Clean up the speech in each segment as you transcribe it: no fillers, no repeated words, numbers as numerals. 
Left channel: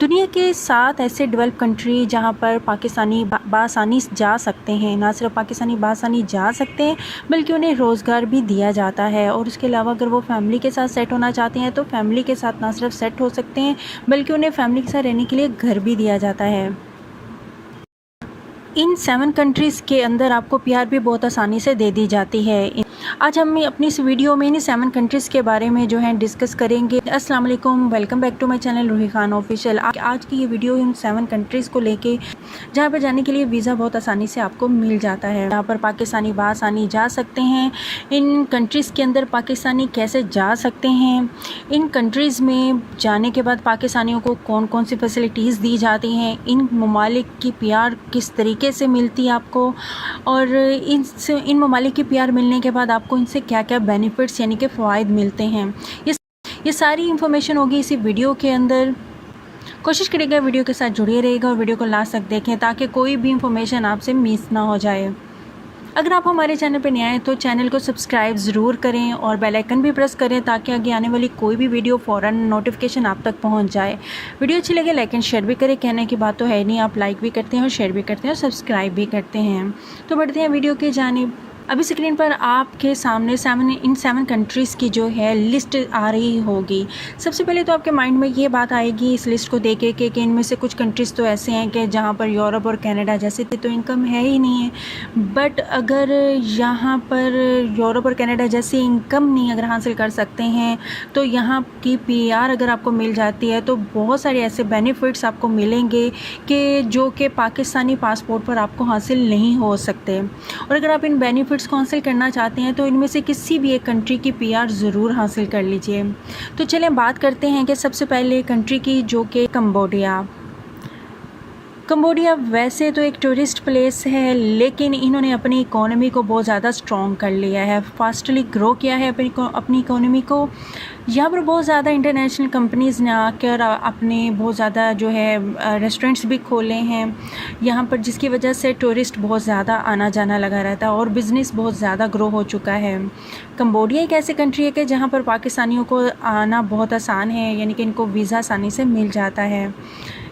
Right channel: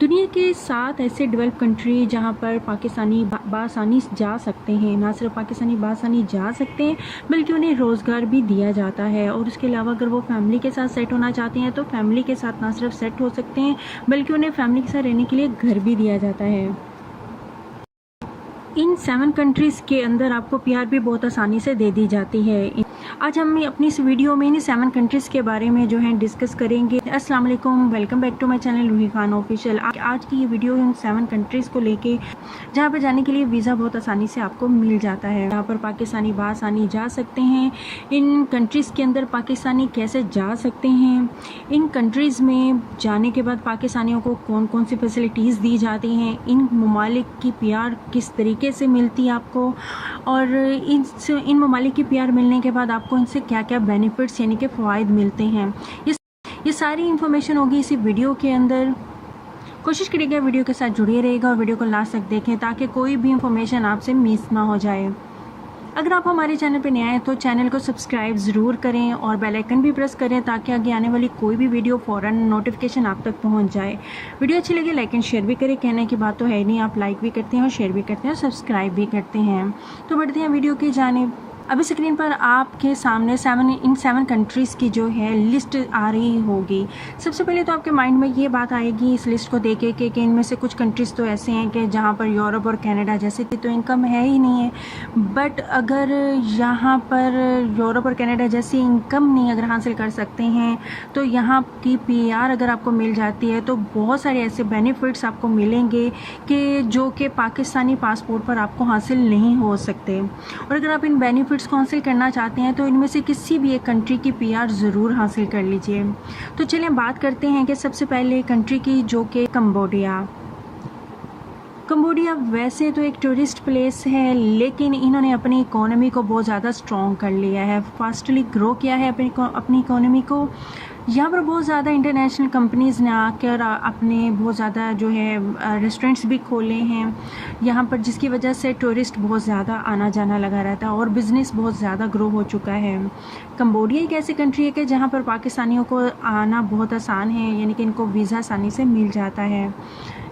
दुनिया के 7 ऐसे डेवलप कंट्री जहां पर पाकिस्तानी बासानी जा सकते हैं। ना सिर्फ पाकिस्तानी बासानी जा सकते हैं बल्कि उन्हें रोज़गार भी दिया जाता है। और उसके अलावा अगर वो फैमिली के साथ सेट होना चाहते हैं तो फैमिली के साथ ना सिर्फ सेट हो सकते हैं बल्कि उन्हें फैमिली के साथ रहने के लिए घर भी दिया जाता है। इन 7 कंट्रीज़ के अंदर आपको पीआर भी बहुत आसानी से दे दी जाती है। आज हम अपनी इस वीडियो में इन 7 कंट्रीज़ के बारे में जो है डिस्कस करेंगे। अस्सलाम वालेकुम, welcome back to my channel Ruhi Khan official. आज की ये वीडियो इन 7 कंट्रीज़ को लेके जहाँ पर जाने के लिए वीज़ा बहुत आसानी से आपको मिल जाता है। यहाँ पर पाकिस्तानी बासानी जा सकते हैं। इन कंट्रीज़ के अंदर पाकिस्तानी कैसे जा सकते हैं, इन कंट्रीज़ में जाने के बाद पाकिस्तानियों को कौन कौन सी फैसिलिटीज़ दी जाती हैं, इन ममालिक की पीआर किस तरीके से मिलती है आपको, और इन ममालिक की पीआर मिलने के बाद आपको इनसे क्या क्या बेनिफिट्स यानी कि फ़वाइद मिलते हैं, ये सारी इन्फॉर्मेशन होगी इसी वीडियो के अंदर। कोशिश करिएगा वीडियो के साथ जुड़े रहिएगा और वीडियो को लास्ट तक देखें ताकि कोई भी इंफॉर्मेशन आपसे मिस ना हो जाए। अगर आप हमारे चैनल पर नए आए तो चैनल को सब्सक्राइब ज़रूर करें और बेल आइकन भी प्रेस करें ताकि आगे आने वाली कोई भी वीडियो फ़ौरन नोटिफिकेशन आप तक पहुंच जाए। वीडियो अच्छी लगे लाइक एंड शेयर भी करें, कहने की बात तो है नहीं, आप लाइक भी करते हैं और शेयर भी करते हैं और सब्सक्राइब भी करते हैं। तो बढ़ते हैं वीडियो की जानिब। अभी स्क्रीन पर आपके सामने इन 7 कंट्रीज़ की जो है लिस्ट आ रही होगी। सबसे पहले तो आपके माइंड में ये बात आएगी इस लिस्ट को देख के कि इनमें से कुछ कंट्रीज़ तो ऐसे हैं कि जहाँ पर यूरोप और कनाडा जैसे तो इनकम है ही नहीं है। बट अगर यहाँ पर यूरोप और कनाडा जैसी इनकम नहीं अगर हासिल कर सकते हैं तो यहाँ की पीआर अगर आपको मिल जाती है तो बहुत सारे ऐसे बेनिफिट्स आपको मिलेंगे कि जो कि पाकिस्तानी पासपोर्ट पर आपको हासिल नहीं हो सकते। और अगर आप इन बेनिफिट्स को हासिल करना चाहते हैं तो इनमें से किसी भी एक कंट्री की पीआर ज़रूर हासिल कर लीजिए। तो चलें बात करते हैं कि सबसे पहले कंट्री की, जो कि कंबोडिया वैसे तो एक टूरिस्ट प्लेस है लेकिन इन्होंने अपनी इकोनॉमी को बहुत ज़्यादा स्ट्रॉन्ग कर लिया है, फास्टली ग्रो किया है अपनी इकोनॉमी को। यहाँ पर बहुत ज़्यादा इंटरनेशनल कंपनीज़ ने आकर अपने बहुत ज़्यादा जो है रेस्टोरेंट्स भी खोले हैं यहाँ पर, जिसकी वजह से टूरिस्ट बहुत ज़्यादा आना जाना लगा रहता है और बिज़नेस बहुत ज़्यादा ग्रो हो चुका है। कंबोडिया एक ऐसी कंट्री है कि जहाँ पर पाकिस्तानियों को आना बहुत आसान है, यानी कि इनको वीज़ा आसानी से मिल जाता है।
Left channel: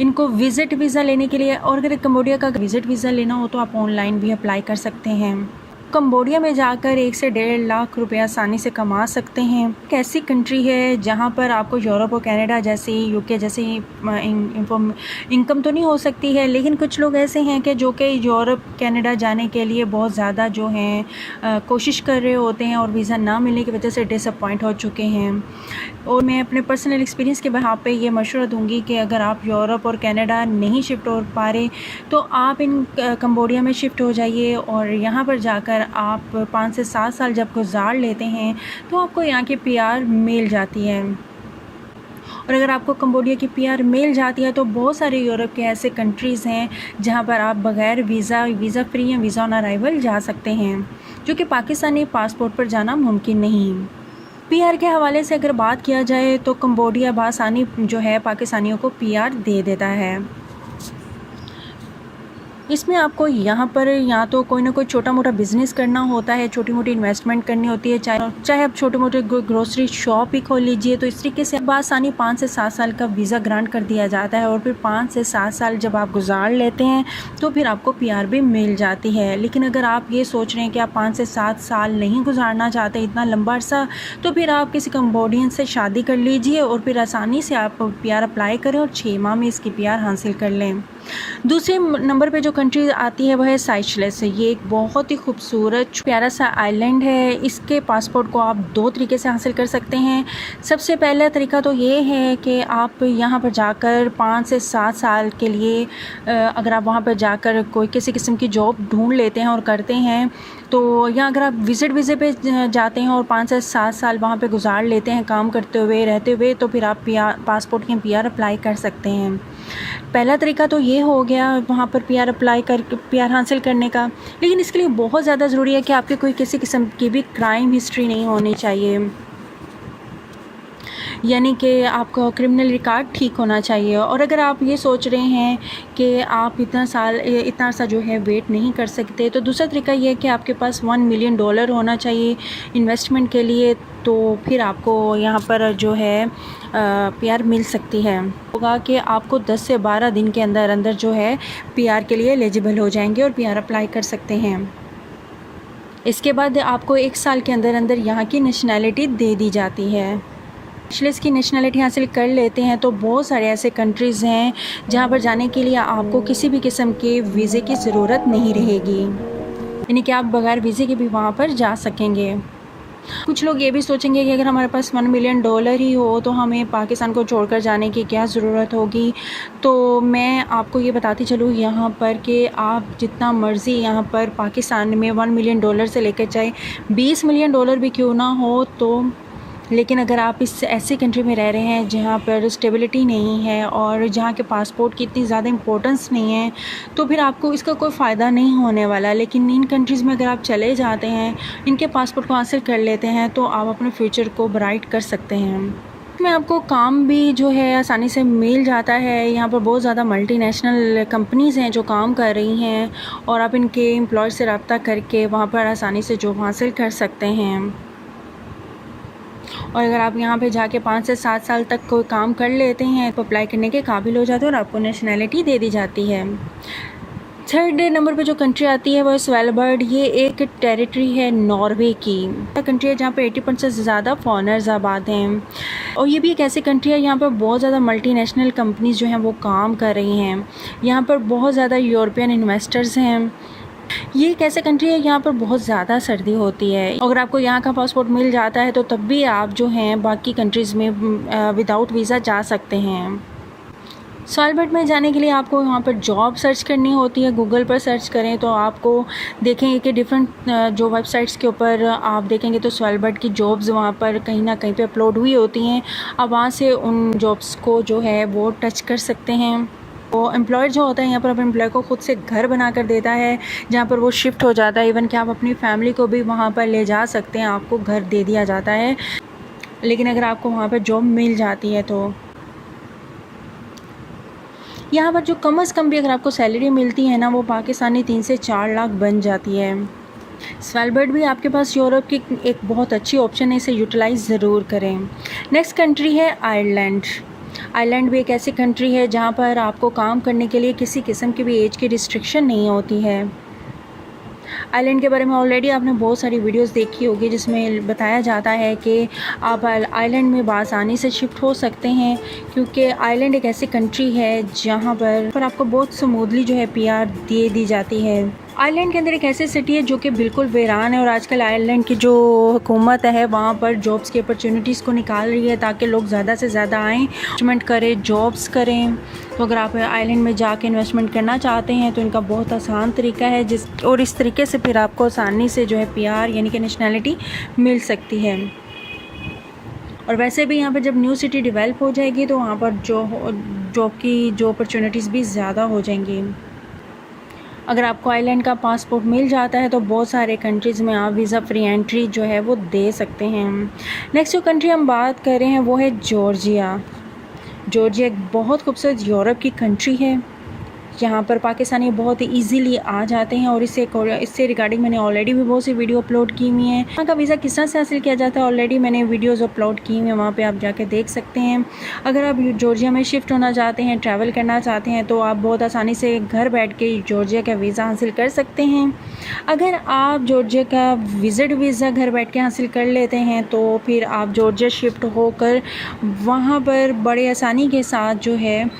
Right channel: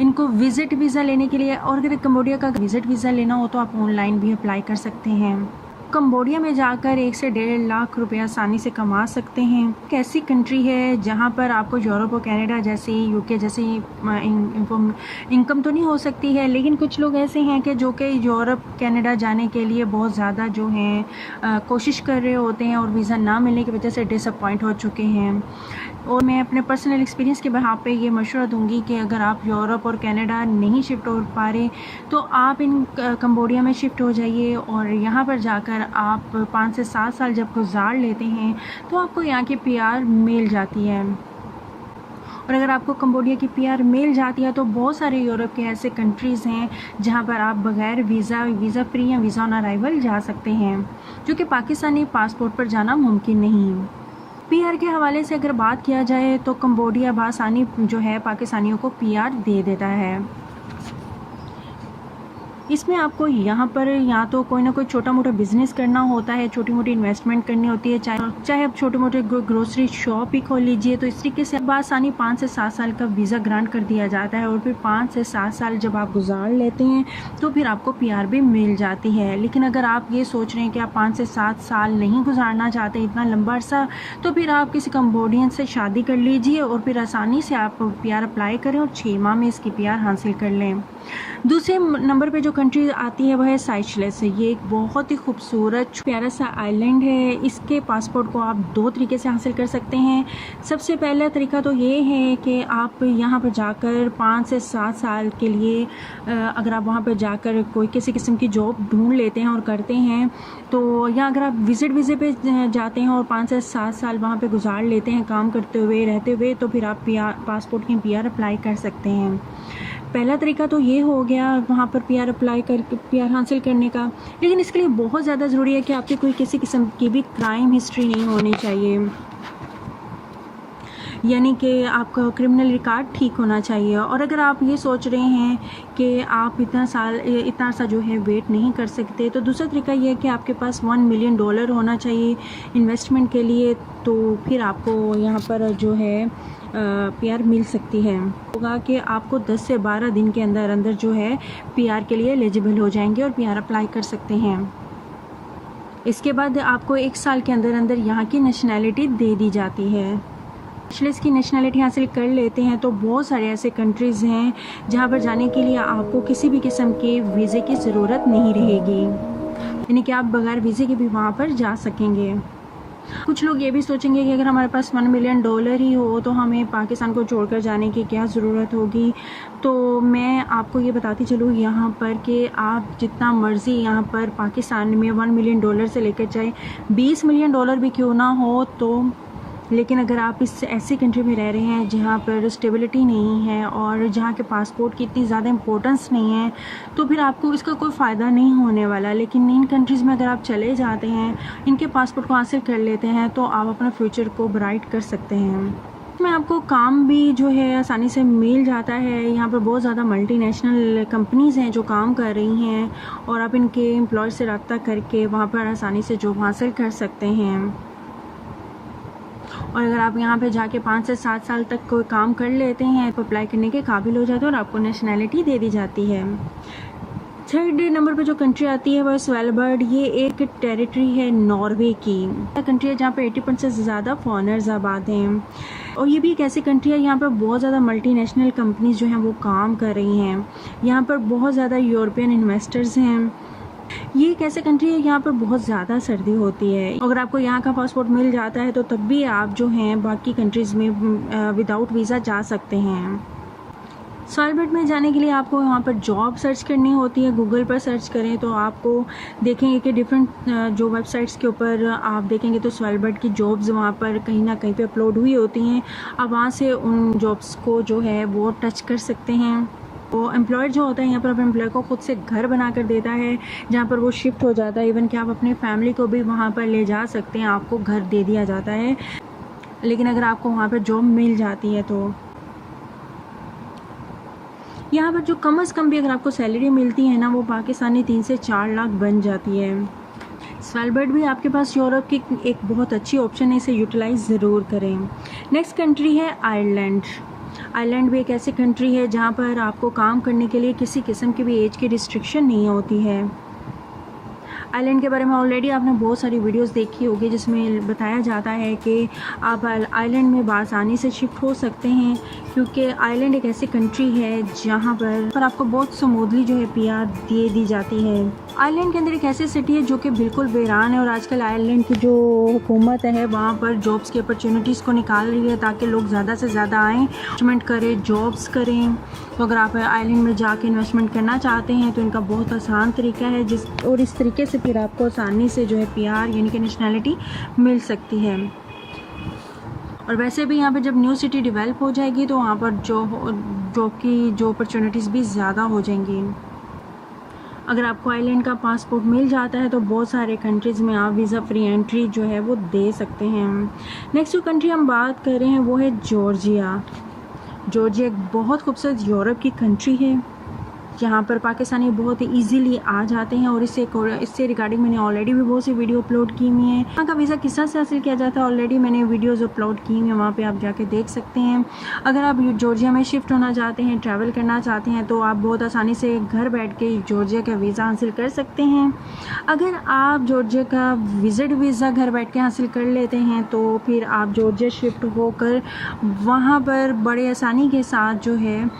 इनको विज़िट वीज़ा लेने के लिए, और अगर कंबोडिया का विज़िट वीज़ा लेना हो तो आप ऑनलाइन भी अप्लाई कर सकते हैं। कंबोडिया में जाकर 1 से 1.5 लाख रुपए आसानी से कमा सकते हैं। एक ऐसी कंट्री है जहां पर आपको यूरोप और कनाडा जैसी, यूके जैसी इनकम तो नहीं हो सकती है, लेकिन कुछ लोग ऐसे हैं कि जो कि यूरोप कनाडा जाने के लिए बहुत ज़्यादा जो हैं कोशिश कर रहे होते हैं और वीज़ा ना मिलने की वजह से डिसअपॉइंट हो चुके हैं। और मैं अपने पर्सनल एक्सपीरियंस के यहाँ पे ये मशवरा दूंगी कि अगर आप यूरोप और कनाडा नहीं शिफ्ट हो पा रहे तो आप इन कंबोडिया में शिफ्ट हो जाइए और यहाँ पर जाकर आप 5 से 7 साल जब गुजार लेते हैं तो आपको यहाँ की पीआर मिल जाती है। और अगर आपको कंबोडिया की पीआर मिल जाती है तो बहुत सारे यूरोप के ऐसे कंट्रीज़ हैं जहाँ पर आप बग़ैर वीज़ा फ्री या वीज़ा ऑन अराइवल जा सकते हैं, जो कि पाकिस्तानी पासपोर्ट पर जाना मुमकिन नहीं। पीआर के हवाले से अगर बात किया जाए तो कंबोडिया बासानी जो है पाकिस्तानियों को पीआर दे देता है। इसमें आपको यहाँ पर या तो कोई ना कोई छोटा मोटा बिज़नेस करना होता है, छोटी मोटी इन्वेस्टमेंट करनी होती है, चाहे आप छोटे मोटे ग्रोसरी शॉप ही खोल लीजिए। तो इस तरीके से बासानी 5 से 7 साल का वीज़ा ग्रांट कर दिया जाता है और फिर 5 से 7 साल जब आप गुजार लेते हैं तो फिर आपको पीआर भी मिल जाती है। लेकिन अगर आप ये सोच रहे हैं कि आप 5 से 7 साल नहीं गुजारना चाहते इतना लंबा अरसा, तो फिर आप किसी कंबोडियन से शादी कर लीजिए और फिर आसानी से आप पीआर अप्लाई करें और 6 माह में इसकी पीआर हासिल कर लें। दूसरे नंबर पे जो कंट्री आती है वह है साइशेल्स। ये एक बहुत ही खूबसूरत प्यारा सा आइलैंड है। इसके पासपोर्ट को आप 2 तरीके से हासिल कर सकते हैं। सबसे पहला तरीका तो ये है कि आप यहाँ पर जाकर 5 से 7 साल के लिए अगर आप वहाँ पर जाकर कोई किसी किस्म की जॉब ढूंढ लेते हैं और करते हैं तो यहाँ अगर आप विज़िट वीज़े पे जाते हैं और 5 से 7 साल वहाँ पे गुजार लेते हैं काम करते हुए रहते हुए, तो फिर आप पासपोर्ट के पीआर अप्लाई कर सकते हैं। पहला तरीका तो ये हो गया वहाँ पर पीआर अप्लाई करके पीआर हासिल करने का, लेकिन इसके लिए बहुत ज़्यादा ज़रूरी है कि आपकी कोई किसी किस्म की भी क्राइम हिस्ट्री नहीं होनी चाहिए, यानी कि आपका क्रिमिनल रिकॉर्ड ठीक होना चाहिए। और अगर आप ये सोच रहे हैं कि आप इतना सा जो है वेट नहीं कर सकते, तो दूसरा तरीका ये है कि आपके पास $1 मिलियन होना चाहिए इन्वेस्टमेंट के लिए, तो फिर आपको यहाँ पर जो है पीआर मिल सकती है। होगा कि आपको 10 से 12 दिन के अंदर अंदर जो है पीआर के लिए एलिजिबल हो जाएंगे और पीआर अप्लाई कर सकते हैं। इसके बाद आपको 1 साल के अंदर अंदर यहाँ की नेशनैलिटी दे दी जाती है। बैचलर्स की नेशनैलिटी हासिल कर लेते हैं तो बहुत सारे ऐसे कंट्रीज़ हैं जहाँ पर जाने के लिए आपको किसी भी किस्म के वीज़े की ज़रूरत नहीं रहेगी, यानी कि आप बगैर वीज़े के भी वहाँ पर जा सकेंगे। कुछ लोग ये भी सोचेंगे कि अगर हमारे पास $1 मिलियन ही हो तो हमें पाकिस्तान को छोड़कर जाने की क्या ज़रूरत होगी। तो मैं आपको ये बताती चलूँ यहाँ पर कि आप जितना मर्ज़ी यहाँ पर पाकिस्तान में $1 मिलियन से लेकर चाहे $20 मिलियन भी क्यों ना हो, तो लेकिन अगर आप इस ऐसी कंट्री में रह रहे हैं जहाँ पर स्टेबिलिटी नहीं है और जहाँ के पासपोर्ट की इतनी ज़्यादा इम्पोर्टेंस नहीं है, तो फिर आपको इसका कोई फ़ायदा नहीं होने वाला। लेकिन इन कंट्रीज़ में अगर आप चले जाते हैं, इनके पासपोर्ट को हासिल कर लेते हैं, तो आप अपने फ्यूचर को ब्राइट कर सकते हैं। में आपको काम भी जो है आसानी से मिल जाता है। यहाँ पर बहुत ज़्यादा मल्टीनेशनल कंपनीज़ हैं जो काम कर रही हैं और आप इनके एम्प्लॉयर से रब्ता करके वहाँ पर आसानी से जॉब हासिल कर सकते हैं। और अगर आप यहाँ पे जाके 5 से 7 साल तक कोई काम कर लेते हैं तो अप्लाई करने के काबिल हो जाते हैं और आपको नेशनैलिटी दे दी जाती है। 3rd नंबर पे जो कंट्री आती है वह स्वेलबर्ड। ये एक टेरिटरी है नॉर्वे की कंट्री है जहाँ पे 80% से ज़्यादा फॉरेनर्स आबाद हैं। और ये भी एक ऐसी कंट्री है यहाँ पर बहुत ज़्यादा मल्टीनेशनल कंपनीज़ जो हैं वो काम कर रही हैं। यहाँ पर बहुत ज़्यादा यूरोपियन इन्वेस्टर्स हैं। ये एक ऐसी कंट्री है यहाँ पर बहुत ज़्यादा सर्दी होती है। अगर आपको यहाँ का पासपोर्ट मिल जाता है तो तब भी आप जो हैं बाकी कंट्रीज़ में विदाउट वीज़ा जा सकते हैं। स्वेलबर्ड में जाने के लिए आपको वहाँ पर जॉब सर्च करनी होती है। गूगल पर सर्च करें तो आपको देखेंगे कि डिफरेंट जो वेबसाइट्स के ऊपर आप देखेंगे तो स्वेलबर्ड की जॉब्स वहाँ पर कहीं ना कहीं पे अपलोड हुई होती हैं। आप वहाँ से उन जॉब्स को जो है वो टच कर सकते हैं। वो एम्प्लॉयर जो होता है यहाँ पर अपने एम्प्लॉय को ख़ुद से घर बना कर देता है जहाँ पर वो शिफ्ट हो जाता है। इवन कि आप अपनी फैमिली को भी वहाँ पर ले जा सकते हैं, आपको घर दे दिया जाता है। लेकिन अगर आपको वहाँ पर जॉब मिल जाती है तो यहाँ पर जो कम से कम भी अगर आपको सैलरी मिलती है ना, वो पाकिस्तानी 3 से 4 लाख बन जाती है। स्वेलबर्ड भी आपके पास यूरोप की एक बहुत अच्छी ऑप्शन है, इसे यूटिलाइज़ ज़रूर करें। नेक्स्ट कंट्री है आयरलैंड। आयरलैंड भी एक ऐसी कंट्री है जहाँ पर आपको काम करने के लिए किसी किस्म की भी एज की रिस्ट्रिक्शन नहीं होती है। आइलैंड के बारे में ऑलरेडी आपने बहुत सारी वीडियोस देखी होगी जिसमें बताया जाता है कि आप आइलैंड में बआसानी से शिफ्ट हो सकते हैं, क्योंकि आइलैंड एक ऐसी कंट्री है जहाँ पर आपको बहुत स्मूथली जो है पीआर दे दी जाती है। आइलैंड के अंदर एक ऐसी सिटी है जो कि बिल्कुल वीरान है और आजकल आइलैंड की जो हुकूमत है वहाँ पर जॉब्स की अपॉर्चुनिटीज़ को निकाल रही है ताकि लोग ज़्यादा से ज़्यादा आएँ, इन्वेस्टमेंट करें, जॉब्स करें। तो अगर आप आइलैंड में जाके इन्वेस्टमेंट करना चाहते हैं तो इनका बहुत आसान तरीका है और इस तरीके से फिर आपको आसानी से जो है पीआर यानी कि नेशनैलिटी मिल सकती है। और वैसे भी यहाँ पर जब न्यू सिटी डेवलप हो जाएगी तो वहाँ पर जॉब की जो अपॉर्चुनिटीज़ भी ज़्यादा हो जाएंगी। अगर आपको आइलैंड का पासपोर्ट मिल जाता है तो बहुत सारे कंट्रीज़ में आप वीज़ा फ्री एंट्री जो है वो दे सकते हैं। नेक्स्ट जो कंट्री हम बात कर रहे हैं वो है जॉर्जिया। जॉर्जिया एक बहुत खूबसूरत यूरोप की कंट्री है जहाँ पर पाकिस्तानी बहुत ही ईजीली आ जाते हैं और इससे रिगार्डिंग मैंने ऑलरेडी भी बहुत सी वीडियो अपलोड की हुई हैं। यहाँ का वीज़ा किस तरह से हासिल किया जाता है ऑलरेडी मैंने वीडियोस अपलोड की हुई हैं, वहाँ पे आप जाके देख सकते हैं। अगर आप जॉर्जिया में शिफ्ट होना चाहते हैं, ट्रैवल करना चाहते हैं तो आप बहुत आसानी से घर बैठ के जॉर्जिया का वीज़ा हासिल कर सकते हैं। अगर आप जॉर्जिया का विज़िट वीज़ा घर बैठ के हासिल कर लेते हैं तो फिर आप जॉर्जिया शिफ्ट होकर वहाँ पर बड़े आसानी के साथ जो है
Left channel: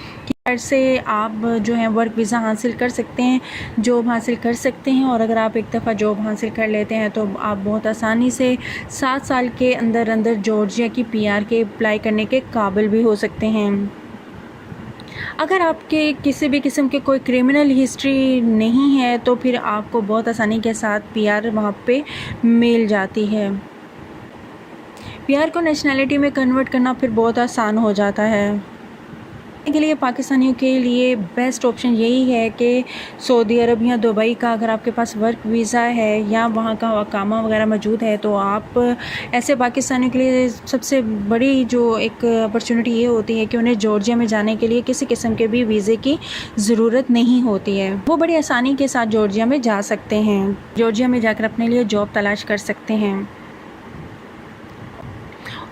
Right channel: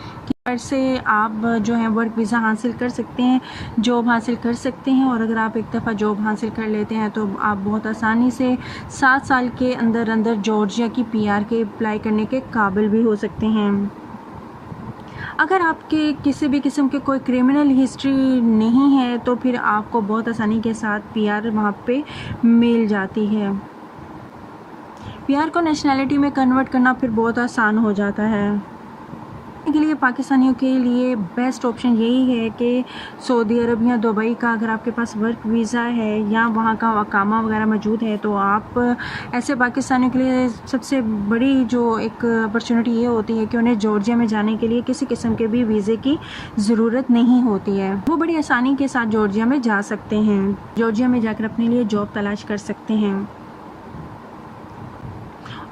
से आप जो है वर्क वीज़ा हासिल कर सकते हैं, जॉब हासिल कर सकते हैं। और अगर आप एक दफ़ा जॉब हासिल कर लेते हैं तो आप बहुत आसानी से 7 साल के अंदर अंदर जॉर्जिया की पीआर के अप्लाई करने के काबिल भी हो सकते हैं। अगर आपके किसी भी किस्म के कोई क्रिमिनल हिस्ट्री नहीं है तो फिर आपको बहुत आसानी के साथ पीआर वहाँ पे मिल जाती है। पीआर को नेशनैलिटी में कन्वर्ट करना फिर बहुत आसान हो जाता है। के लिए पाकिस्तानियों के लिए बेस्ट ऑप्शन यही है कि सऊदी अरब या दुबई का अगर आपके पास वर्क वीज़ा है या वहाँ का अकामा वगैरह मौजूद है तो आप ऐसे पाकिस्तानियों के लिए सबसे बड़ी जो एक अपॉर्चुनिटी ये होती है कि उन्हें जॉर्जिया में जाने के लिए किसी किस्म के भी वीज़े की ज़रूरत नहीं होती है। वो बड़ी आसानी के साथ जॉर्जिया में जा सकते हैं, जॉर्जिया में जाकर अपने लिए जॉब तलाश कर सकते हैं।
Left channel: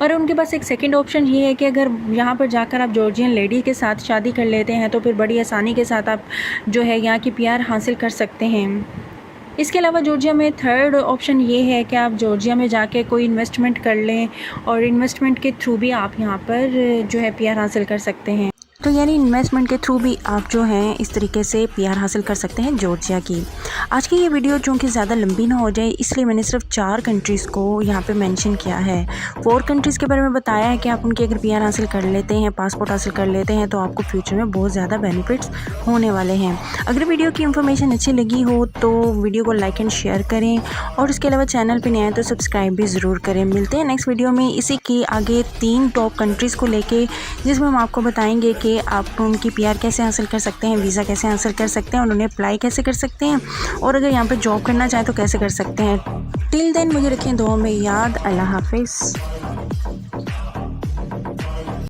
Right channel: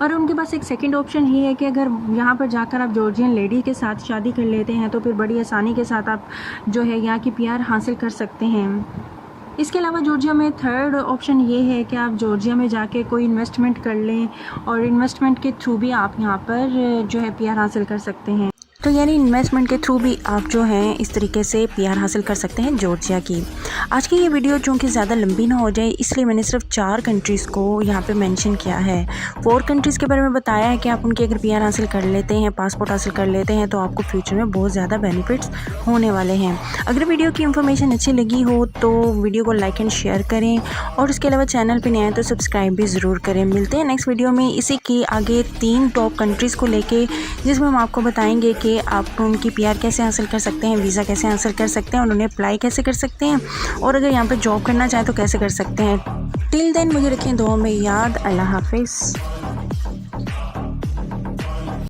और उनके पास एक सेकंड ऑप्शन ये है कि अगर यहाँ पर जाकर आप जॉर्जियन लेडी के साथ शादी कर लेते हैं तो फिर बड़ी आसानी के साथ आप जो है यहाँ की पीआर हासिल कर सकते हैं। इसके अलावा जॉर्जिया में थर्ड ऑप्शन ये है कि आप जॉर्जिया में जाके कोई इन्वेस्टमेंट कर लें और इन्वेस्टमेंट के थ्रू भी आप यहाँ पर जो है पीआर हासिल कर सकते हैं। तो यानी इन्वेस्टमेंट के थ्रू भी आप जो हैं इस तरीके से पीआर हासिल कर सकते हैं जॉर्जिया की। आज की ये वीडियो चूँकि ज़्यादा लंबी ना हो जाए इसलिए मैंने सिर्फ 4 कंट्रीज़ को यहाँ पे मेंशन किया है। 4 कंट्रीज़ के बारे में बताया है कि आप उनकी अगर पीआर हासिल कर लेते हैं, पासपोर्ट हासिल कर लेते हैं तो आपको फ्यूचर में बहुत ज़्यादा बेनिफिट्स होने वाले हैं। अगर वीडियो की इन्फॉर्मेशन अच्छी लगी हो तो वीडियो को लाइक एंड शेयर करें और उसके अलावा चैनल पर नए आए तो सब्सक्राइब भी ज़रूर करें। मिलते हैं नेक्स्ट वीडियो में इसी के आगे 3 टॉप कंट्रीज़ को लेके, जिसमें हम आपको बताएंगे कि आप उनकी पीआर कैसे हासिल कर सकते हैं, वीज़ा कैसे हासिल कर सकते हैं और उन्हें अप्लाई कैसे कर सकते हैं और अगर यहाँ पे जॉब करना चाहें तो कैसे कर सकते हैं। टिल देन मुझे रखें दुआ में याद। अल्लाह हाफिज़।